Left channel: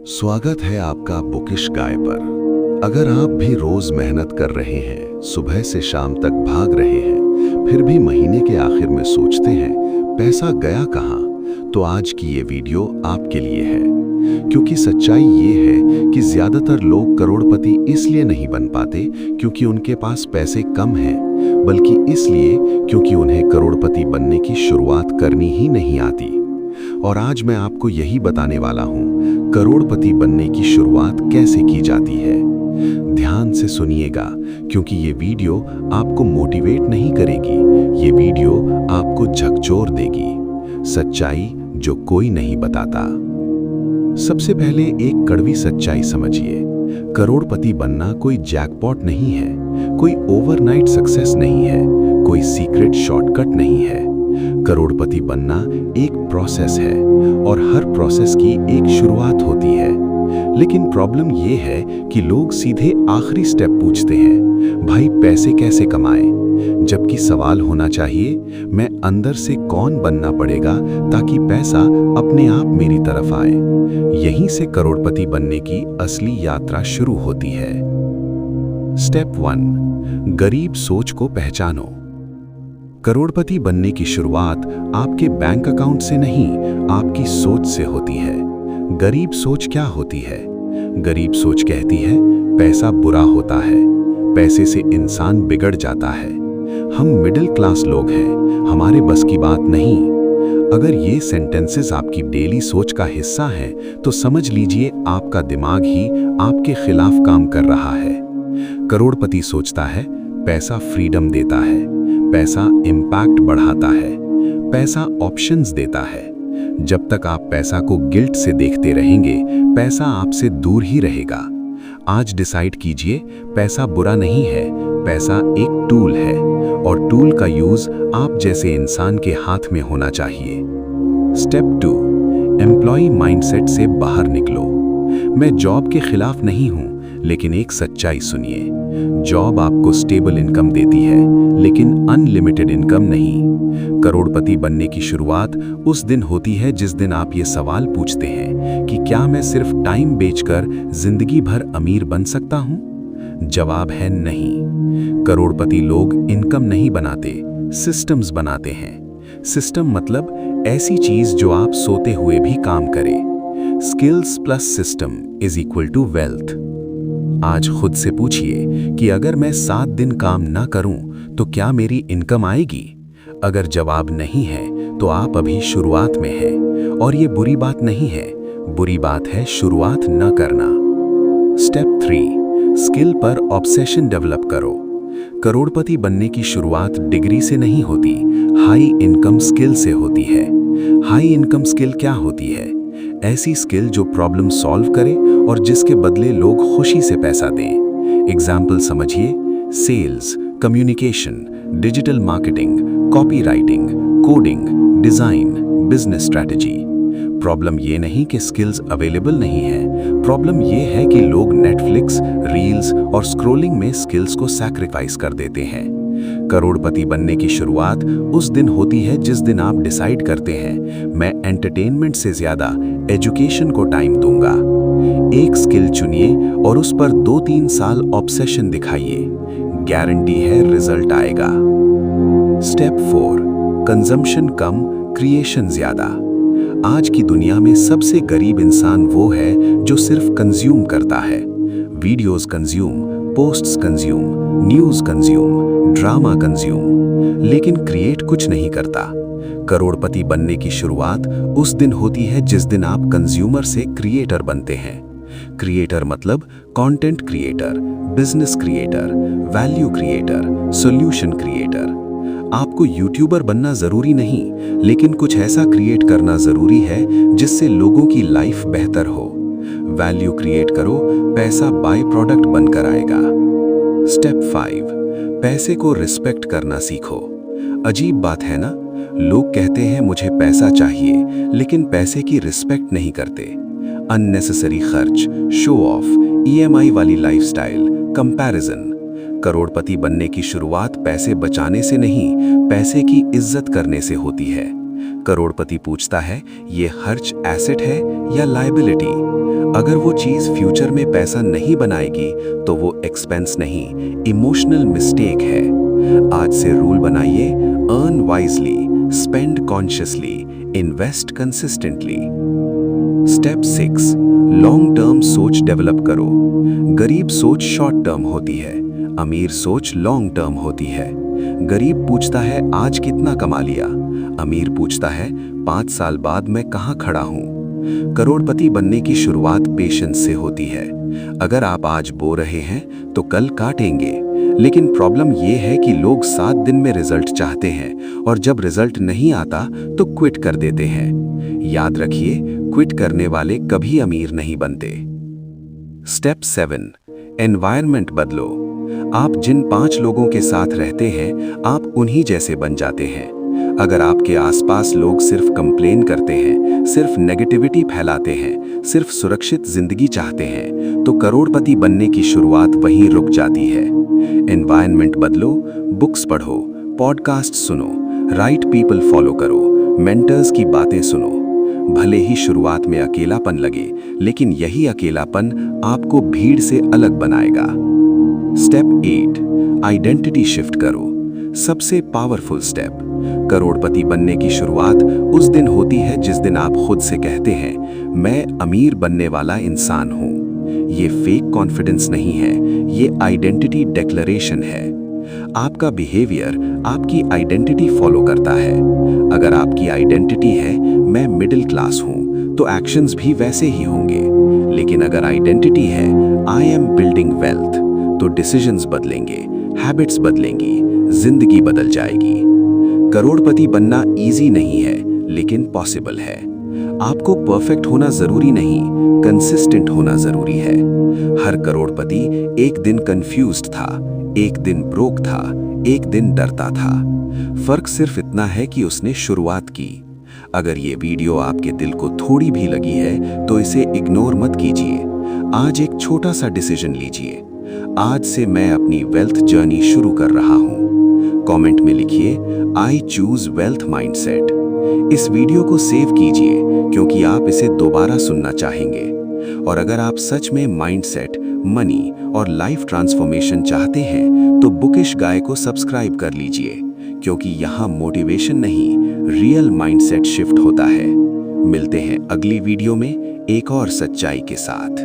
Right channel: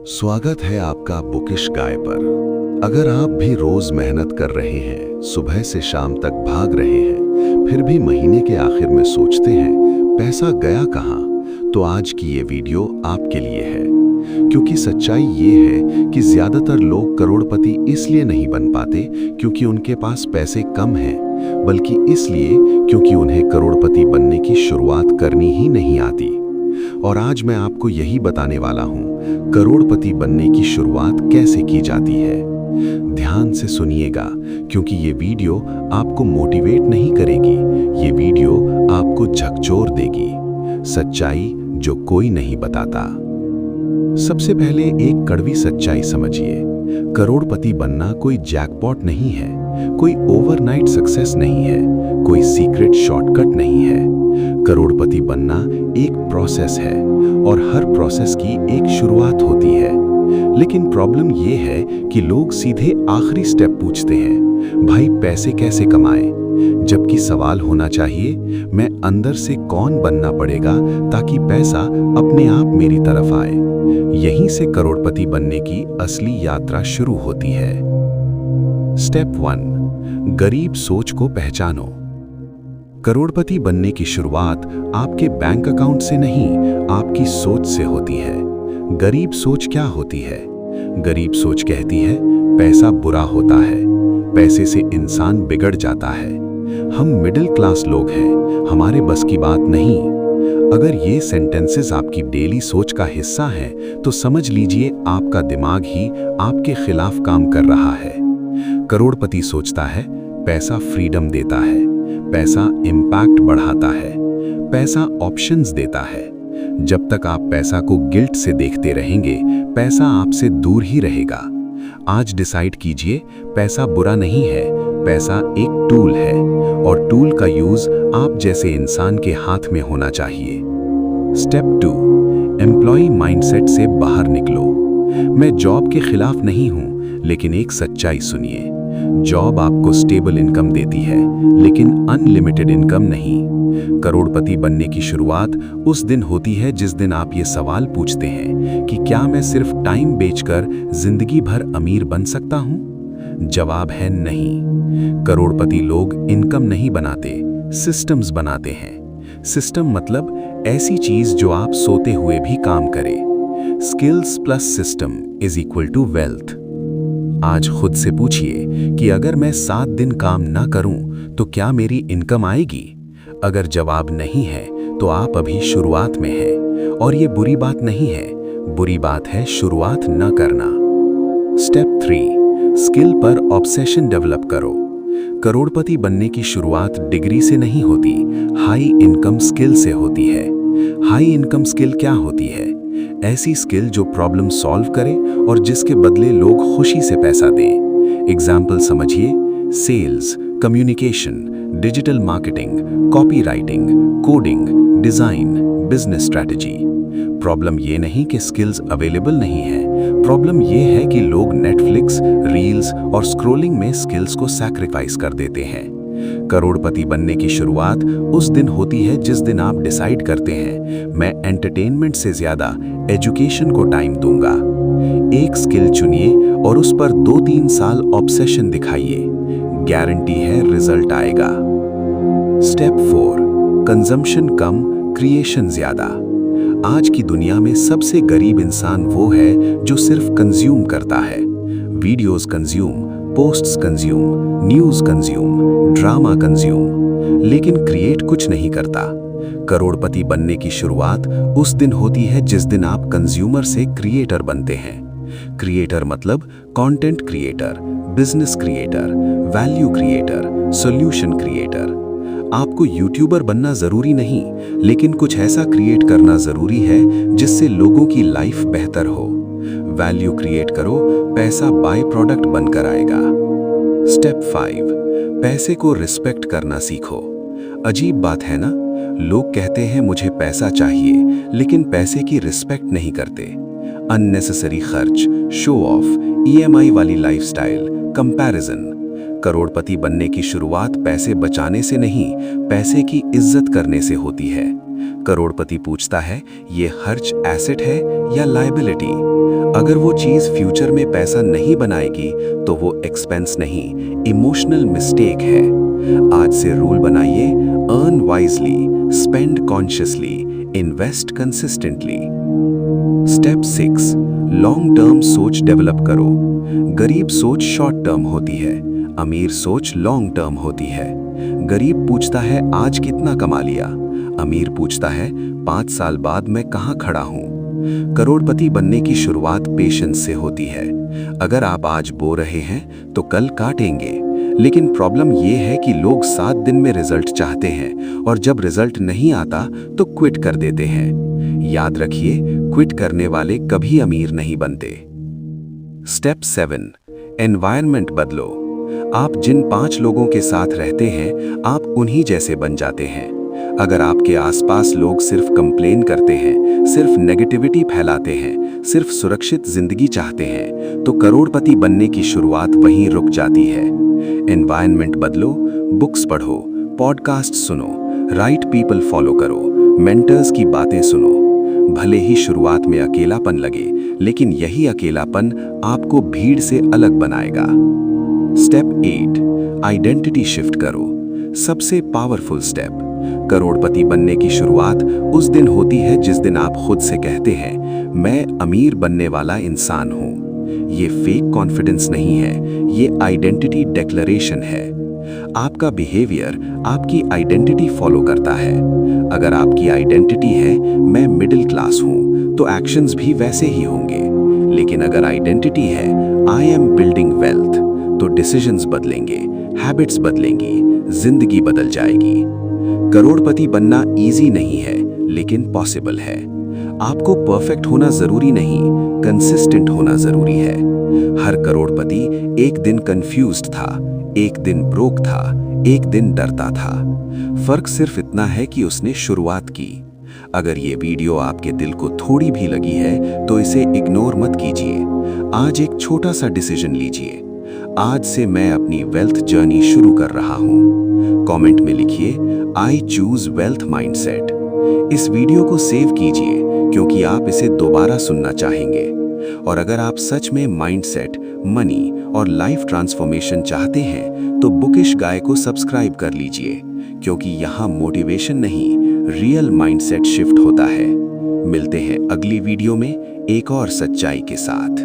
स्वागत है आपका बुकिश गाय पर। अगर आप भी रोज मेहनत कर रहे हैं, सुबह से शाम तक भाग रहे हैं, फिर भी महीने के आखिर में सोचते हैं पैसा गया कहाँ, तो आज की ये वीडियो आपके लिए है। क्योंकि सच्चाई ये है कि ज्यादातर लोग करोड़पति इसलिए नहीं बन पाते क्योंकि उनके पास पैसे कम हैं, बल्कि इसलिए क्योंकि उन्हें करोड़पति बनने की शुरुआत करनी ही नहीं आती। और आज मैं आपको यही बताने वाला हूं, करोड़पति बनने की शुरुआत कैसे की जाती है। ध्यान से सुनिएगा, क्योंकि ये वीडियो आपको मोटिवेट नहीं करेगी, ये वीडियो आपको झकझोर देगी। सच्चाई जो कोई नहीं बताता। सबसे पहले एक कड़वी सच्चाई समझिए। करोड़पति बनना कोई जैकपॉट नहीं है, कोई ओवरनाइट सक्सेस नहीं है, कोई सीक्रेट शॉर्टकट नहीं है। करोड़पति बनना एक प्रोसेस है और हर प्रोसेस की एक शुरुआत होती है। लेकिन प्रॉब्लम ये है कि लोग सीधे आखिरी स्टेप पूछते हैं, भाई पैसे कैसे कमाएं? जबकि सवाल होना चाहिए, मैं अंदर से कौन बनना पड़ेगा ताकि पैसा अपने आप मेरी तरफ आए। यहीं से करोड़पति बनने की असली यात्रा शुरू होती है। स्टेप 1, गरीब सोच को पहचानो। करोड़पति बनने की शुरुआत आपके बैंक अकाउंट से नहीं, आपकी सोच से होती है। गरीब सोच क्या होती है? गरीब सोच कहती है पैसा बुरा होता है, पैसे से इंसान बिगड़ जाता है, हम मिडिल क्लास लोग हैं, हमारे बस की बात नहीं। अगर ये सेंटेंसेस आपकी डेली सोच का हिस्सा हैं, तो समझ लीजिए आपका दिमाग ही आपके खिलाफ काम कर रहा है। करोड़पति सोचता है पैसा फ्रीडम देता है, पैसा इम्पैक्ट बढ़ाता है, पैसा ऑप्शंस देता है। जब तक आप पैसा को गिल्ट से देखते रहेंगे, पैसा आपसे दूर ही रहेगा। आज डिसाइड कीजिए, पैसा बुरा नहीं है, पैसा एक टूल है और टूल का यूज आप जैसे इंसान के हाथ में होना चाहिए। स्टेप 2, एम्प्लॉय माइंडसेट से बाहर निकलो। मैं जॉब के खिलाफ नहीं हूं, लेकिन एक सच्चाई सुनिए। जॉब आपको स्टेबल इनकम देती है, लेकिन अनलिमिटेड इनकम नहीं। करोड़पति बनने की शुरुआत उस दिन होती है जिस दिन आप ये सवाल पूछते हैं कि क्या मैं सिर्फ टाइम बेचकर जिंदगी भर अमीर बन सकता हूं? जवाब है नहीं। करोड़पति लोग इनकम नहीं बनाते, सिस्टम्स बनाते हैं। सिस्टम मतलब ऐसी चीज जो आप सोते हुए भी काम करे। Skills plus system is equal to wealth. आज खुद से पूछिए कि अगर मैं 7 दिन काम ना करूं तो क्या मेरी इनकम आएगी? अगर जवाब नहीं है तो आप अभी शुरुआत में हैं, और ये बुरी बात नहीं है, बुरी बात है शुरुआत न करना। स्टेप 3, स्किल पर ऑब्सेशन डेवलप करो। करोड़पति बनने की शुरुआत डिग्री से नहीं होती, हाई इनकम स्किल से होती है। हाई इनकम स्किल क्या होती है? ऐसी स्किल जो प्रॉब्लम सॉल्व करे और जिसके बदले लोग खुशी से पैसा दें। एग्जाम्पल समझिए, sales, communication, digital marketing, copywriting, coding, design, business strategy. Problem ये नहीं कि स्किल्स अवेलेबल नहीं है, प्रॉब्लम ये है कि लोग नेटफ्लिक्स, रील्स और स्क्रॉलिंग में स्किल्स को सैक्रिफाइस कर देते हैं। करोड़पति बनने की शुरुआत उस दिन होती है जिस दिन आप डिसाइड करते हैं, मैं एंटरटेनमेंट से ज्यादा एजुकेशन को टाइम दूंगा। एक स्किल चुनिए और उस पर 2-3 साल ऑब्सेशन दिखाइए, गारंटी है रिजल्ट आएगा। स्टेप 4, कंजम्पशन कम, क्रिएशन ज्यादा। आज की दुनिया में सबसे गरीब इंसान वो है जो सिर्फ कंज्यूम करता है। Videos consume, posts consume, news consume, drama consume, लेकिन क्रिएट कुछ नहीं करता। करोड़पति बनने की शुरुआत उस दिन होती है जिस दिन आप कंज्यूमर से क्रिएटर बनते हैं। क्रिएटर मतलब content creator, business creator, value creator, solution creator. आपको यूट्यूबर बनना जरूरी नहीं, लेकिन कुछ ऐसा क्रिएट करना जरूरी है जिससे लोगों की लाइफ बेहतर हो। वैल्यू क्रिएट करो, पैसा बाय प्रोडक्ट बनकर आएगा। स्टेप 5, पैसे को रिस्पेक्ट करना सीखो। अजीब बात है ना, लोग कहते हैं मुझे पैसा चाहिए, लेकिन पैसे की रिस्पेक्ट नहीं करते। अननेसेसरी खर्च, शो ऑफ, ईएमआई वाली लाइफस्टाइल, कंपैरिजन। करोड़पति बनने की शुरुआत पैसे बचाने से नहीं, पैसे की इज्जत करने से होती है। करोड़पति पूछता है, ये खर्च एसेट है या लायबिलिटी? अगर वो चीज फ्यूचर में पैसा नहीं बनाएगी तो वो एक्सपेंस नहीं, इमोशनल मिस्टेक है। आज से रूल बनाइए, earn wisely, spend consciously, invest consistently. Step 6, long term सोच डेवलप करो। गरीब सोच शॉर्ट टर्म होती है, अमीर सोच लॉन्ग टर्म होती है। गरीब पूछता है आज कितना कमा लिया, अमीर पूछता है 5 साल बाद मैं कहां खड़ा हूं। करोड़पति बनने की शुरुआत पेशेंस से होती है। अगर आप आज बो रहे हैं तो कल काटेंगे, लेकिन प्रॉब्लम यह है कि लोग 7 दिन में रिजल्ट चाहते हैं और जब रिजल्ट नहीं आता तो क्विट कर देते हैं। याद रखिए, क्विट करने वाले कभी अमीर नहीं बनते। स्टेप 7, एनवायरनमेंट बदलो। आप जिन 5 लोगों के साथ रहते हैं, आप उन्हीं जैसे बन जाते हैं। अगर आपके आसपास लोग सिर्फ कंप्लेन करते हैं, सिर्फ नेगेटिविटी फैलाते हैं, सिर्फ सुरक्षित जिंदगी चाहते हैं, तो करोड़पति बनने की शुरुआत वहीं रुक जाती है। एनवायरनमेंट बदलो, बुक्स पढ़ो, पॉडकास्ट सुनो, राइट पीपल फॉलो करो, मेंटर्स की बातें सुनो। भले ही शुरुआत में अकेलापन लगे, लेकिन यही अकेलापन आपको भीड़ से अलग बनाएगा। स्टेप 8, आइडेंटिटी शिफ्ट करो। सबसे पावरफुल स्टेप। करोड़पति बनने की शुरुआत उस दिन होती है जिस दिन आप खुद से कहते हैं, मैं अमीर बनने वाला इंसान हूं। ये फेक कॉन्फिडेंस नहीं है, ये आइडेंटिटी डिक्लेरेशन है। आपका बिहेवियर आपकी आइडेंटिटी फॉलो करता है। अगर आपकी आइडेंटिटी है मैं मिडिल क्लास हूं, तो एक्शंस भी वैसे ही होंगे। लेकिन अगर आइडेंटिटी है आई एम बिल्डिंग वेल्थ, तो डिसीजंस बदलेंगे, हैबिट्स बदलेंगी, जिंदगी बदल जाएगी। करोड़पति बनना इजी नहीं है, लेकिन पॉसिबल है। आपको परफेक्ट होना जरूरी नहीं, कंसिस्टेंट होना जरूरी है। हर करोड़पति एक दिन कंफ्यूज्ड था, एक दिन ब्रोक था, एक दिन डरता था। फर्क सिर्फ इतना है कि उसने शुरुआत की। अगर ये वीडियो आपके दिल को थोड़ी भी लगी है तो इसे इग्नोर मत कीजिए। आज एक छोटा सा डिसीजन लीजिए, आज से मैं अपनी वेल्थ जर्नी शुरू कर रहा हूं। कमेंट में लिखिए आई चूज वेल्थ माइंडसेट। इस वीडियो को सेव कीजिए क्योंकि आप इसे दोबारा सुनना चाहेंगे। और अगर आप सच में माइंडसेट, मनी और लाइफ ट्रांसफॉर्मेशन चाहते हैं तो बुकिश गाय को सब्सक्राइब कर लीजिए, क्योंकि यहाँ मोटिवेशन नहीं, रियल माइंडसेट शिफ्ट होता है। मिलते हैं अगली वीडियो में एक और सच्चाई के साथ।